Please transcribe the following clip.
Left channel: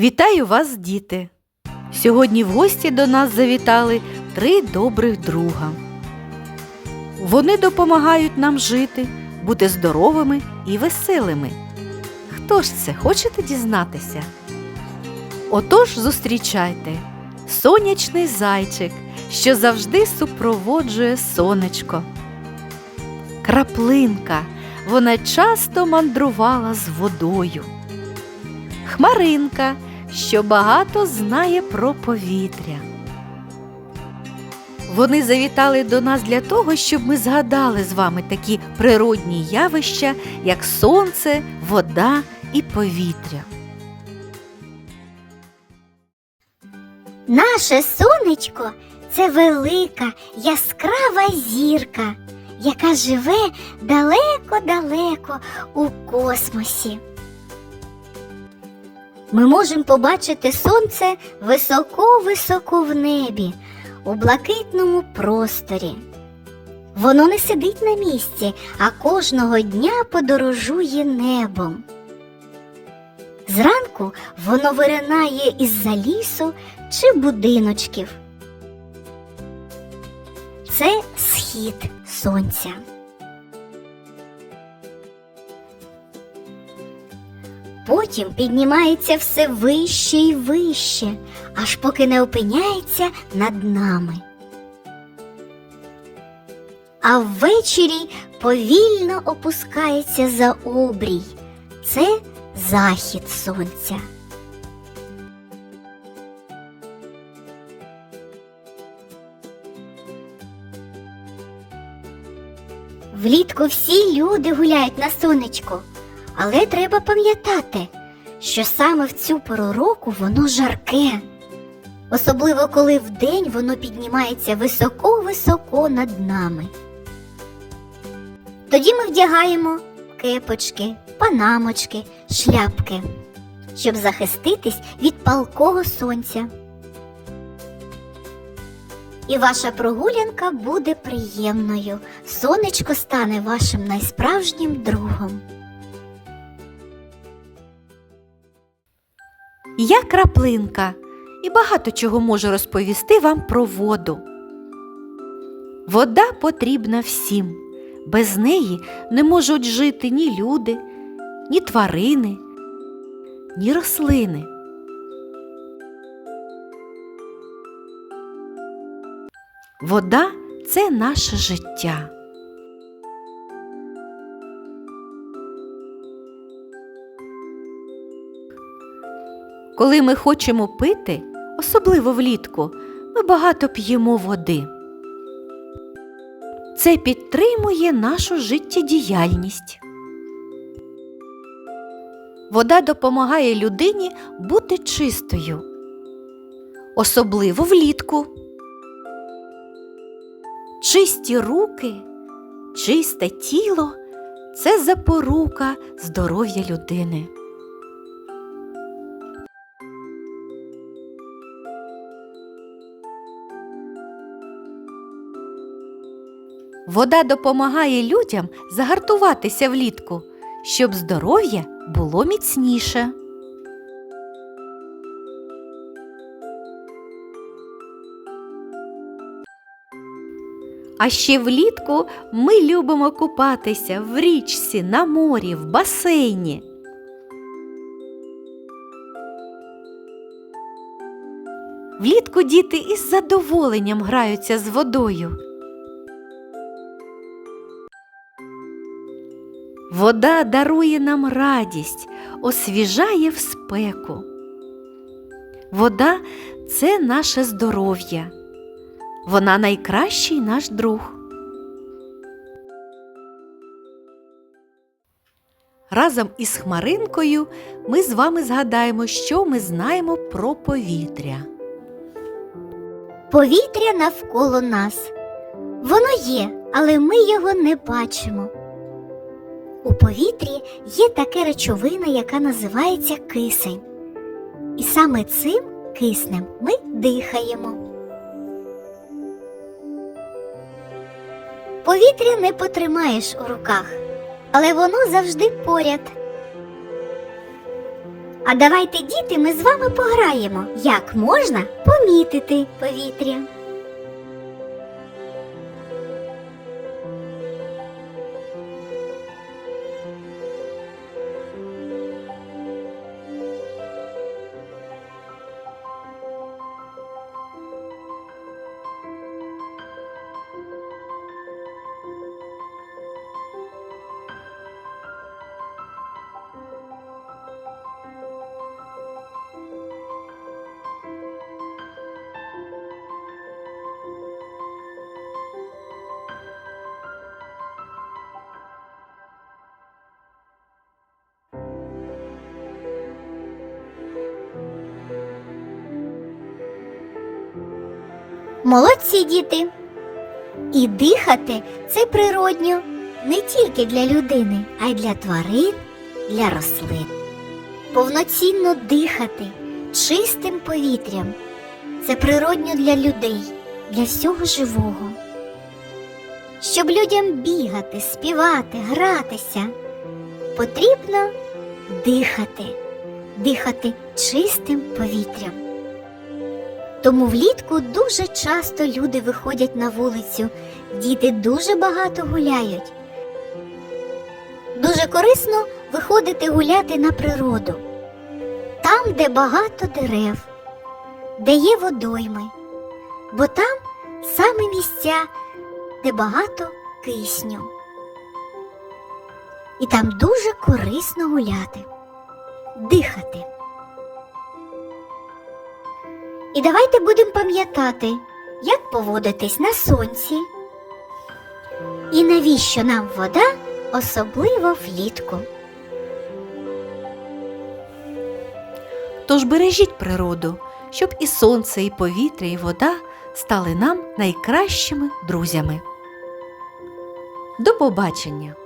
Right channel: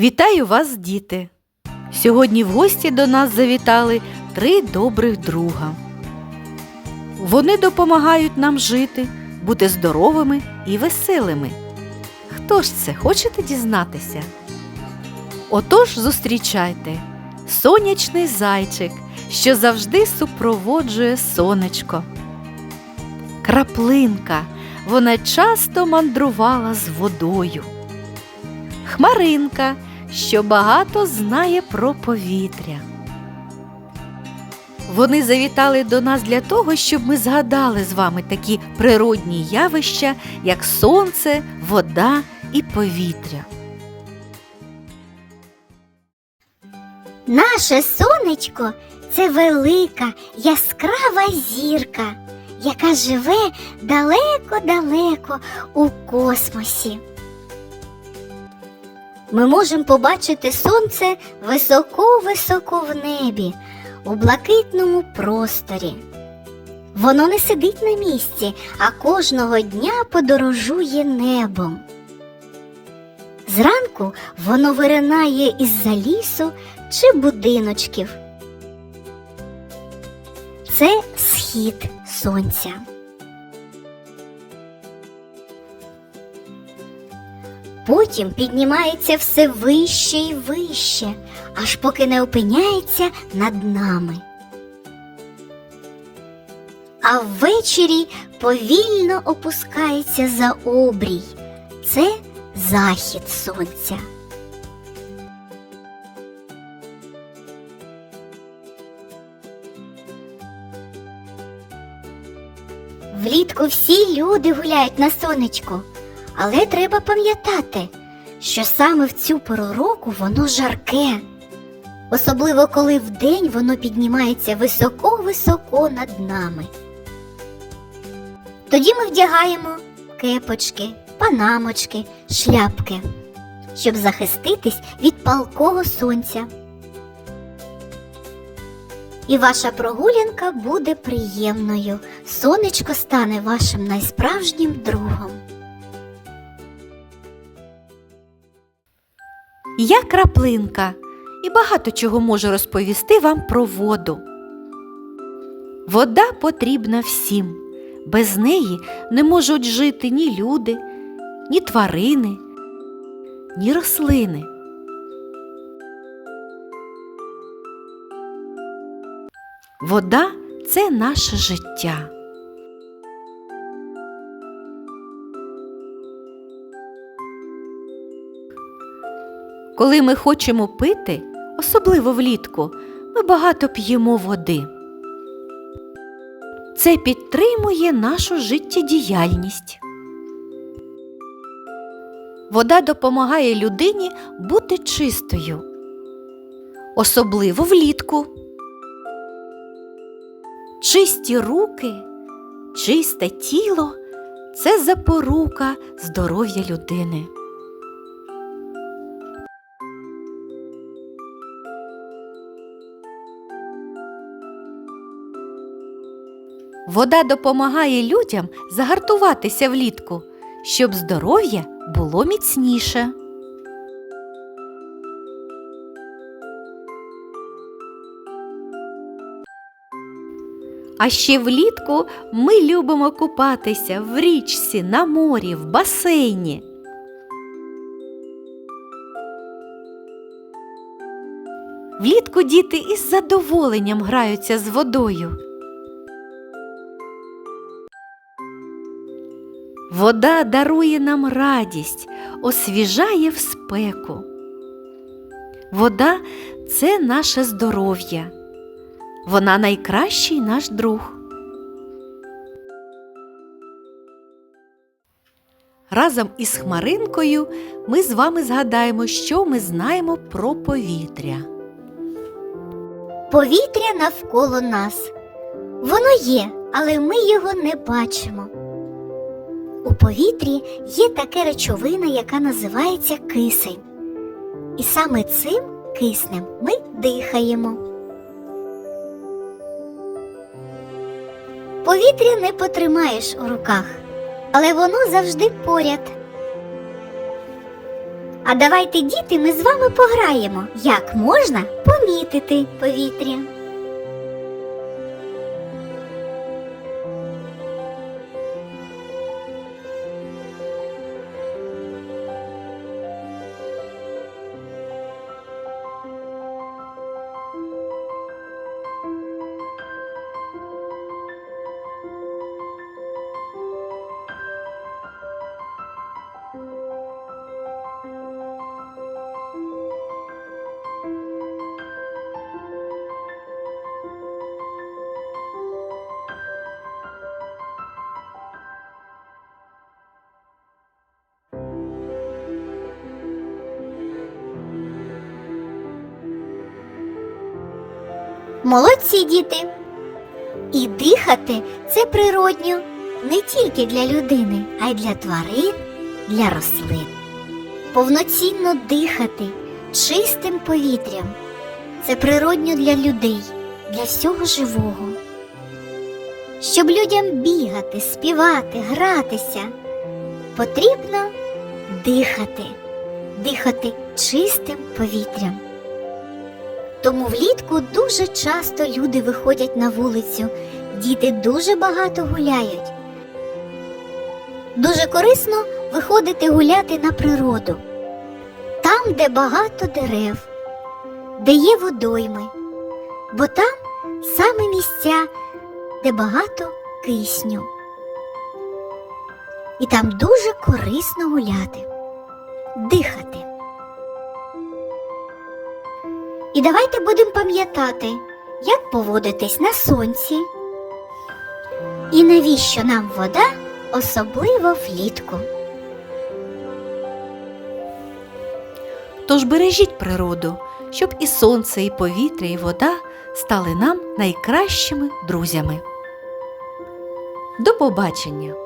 Вітаю вас, діти! Сьогодні в гості до нас завітали три добрих друга. Вони допомагають нам жити, бути здоровими і веселими. Хто ж це хочете дізнатися? Отож зустрічайте сонячний зайчик, що завжди супроводжує сонечко. Краплинка, вона часто мандрувала з водою. Хмаринка, що багато знає про повітря. Вони завітали до нас для того, щоб ми згадали з вами такі природні явища, як сонце, вода і повітря. Наше сонечко це велика яскрава зірка, яка живе далеко-далеко у космосі. Ми можемо побачити сонце високо-високо в небі, у блакитному просторі. Воно не сидить на місці, а кожного дня подорожує небом. Зранку воно виринає із-за лісу чи будиночків. Це схід сонця. Потім піднімається все вище і вище, аж поки не опиняється над нами. А ввечері повільно опускається за обрій. Це захід сонця. Влітку всі люди гуляють на сонечку, але треба пам'ятати, що саме в цю пору року воно жарке. Особливо коли вдень воно піднімається високо-високо над нами. Тоді ми вдягаємо кепочки, панамочки, шляпки, щоб захиститись від палкого сонця. І ваша прогулянка буде приємною. Сонечко стане вашим найсправжнім другом. Я краплинка і багато чого можу розповісти вам про воду. Вода потрібна всім. Без неї не можуть жити ні люди, ні тварини, ні рослини. Вода це наше життя. Коли ми хочемо пити, особливо влітку, ми багато п'ємо води. Це підтримує нашу життєдіяльність. Вода допомагає людині бути чистою, особливо влітку. Чисті руки, чисте тіло це запорука здоров'я людини. Вода допомагає людям загартуватися влітку, щоб здоров'я було міцніше. А ще влітку ми любимо купатися в річці, на морі, в басейні. Влітку діти із задоволенням граються з водою. Вода дарує нам радість, освіжає в спеку. Вода це наше здоров'я. Вона найкращий наш друг. Разом із Хмаринкою ми з вами згадаємо, що ми знаємо про повітря. Повітря навколо нас. Воно є, але ми його не бачимо. У повітрі є така речовина, яка називається кисень. І саме цим киснем ми дихаємо. Повітря не потримаєш у руках, але воно завжди поряд. А давайте, діти, ми з вами пограємо, як можна помітити повітря. Молодці діти! І дихати це природньо не тільки для людини, а й для тварин, для рослин. Повноцінно дихати чистим повітрям це природньо для людей, для всього живого. Щоб людям бігати, співати, гратися, потрібно дихати, дихати чистим повітрям. Тому влітку дуже часто люди виходять на вулицю, діти дуже багато гуляють. Дуже корисно виходити гуляти на природу, там, де багато дерев, де є водойми, бо там саме місця, де багато кисню. І там дуже корисно гуляти, дихати. І давайте будемо пам'ятати, як поводитись на сонці. І навіщо нам вода, особливо влітку. Тож бережіть природу, щоб і сонце, і повітря, і вода стали нам найкращими друзями. До побачення!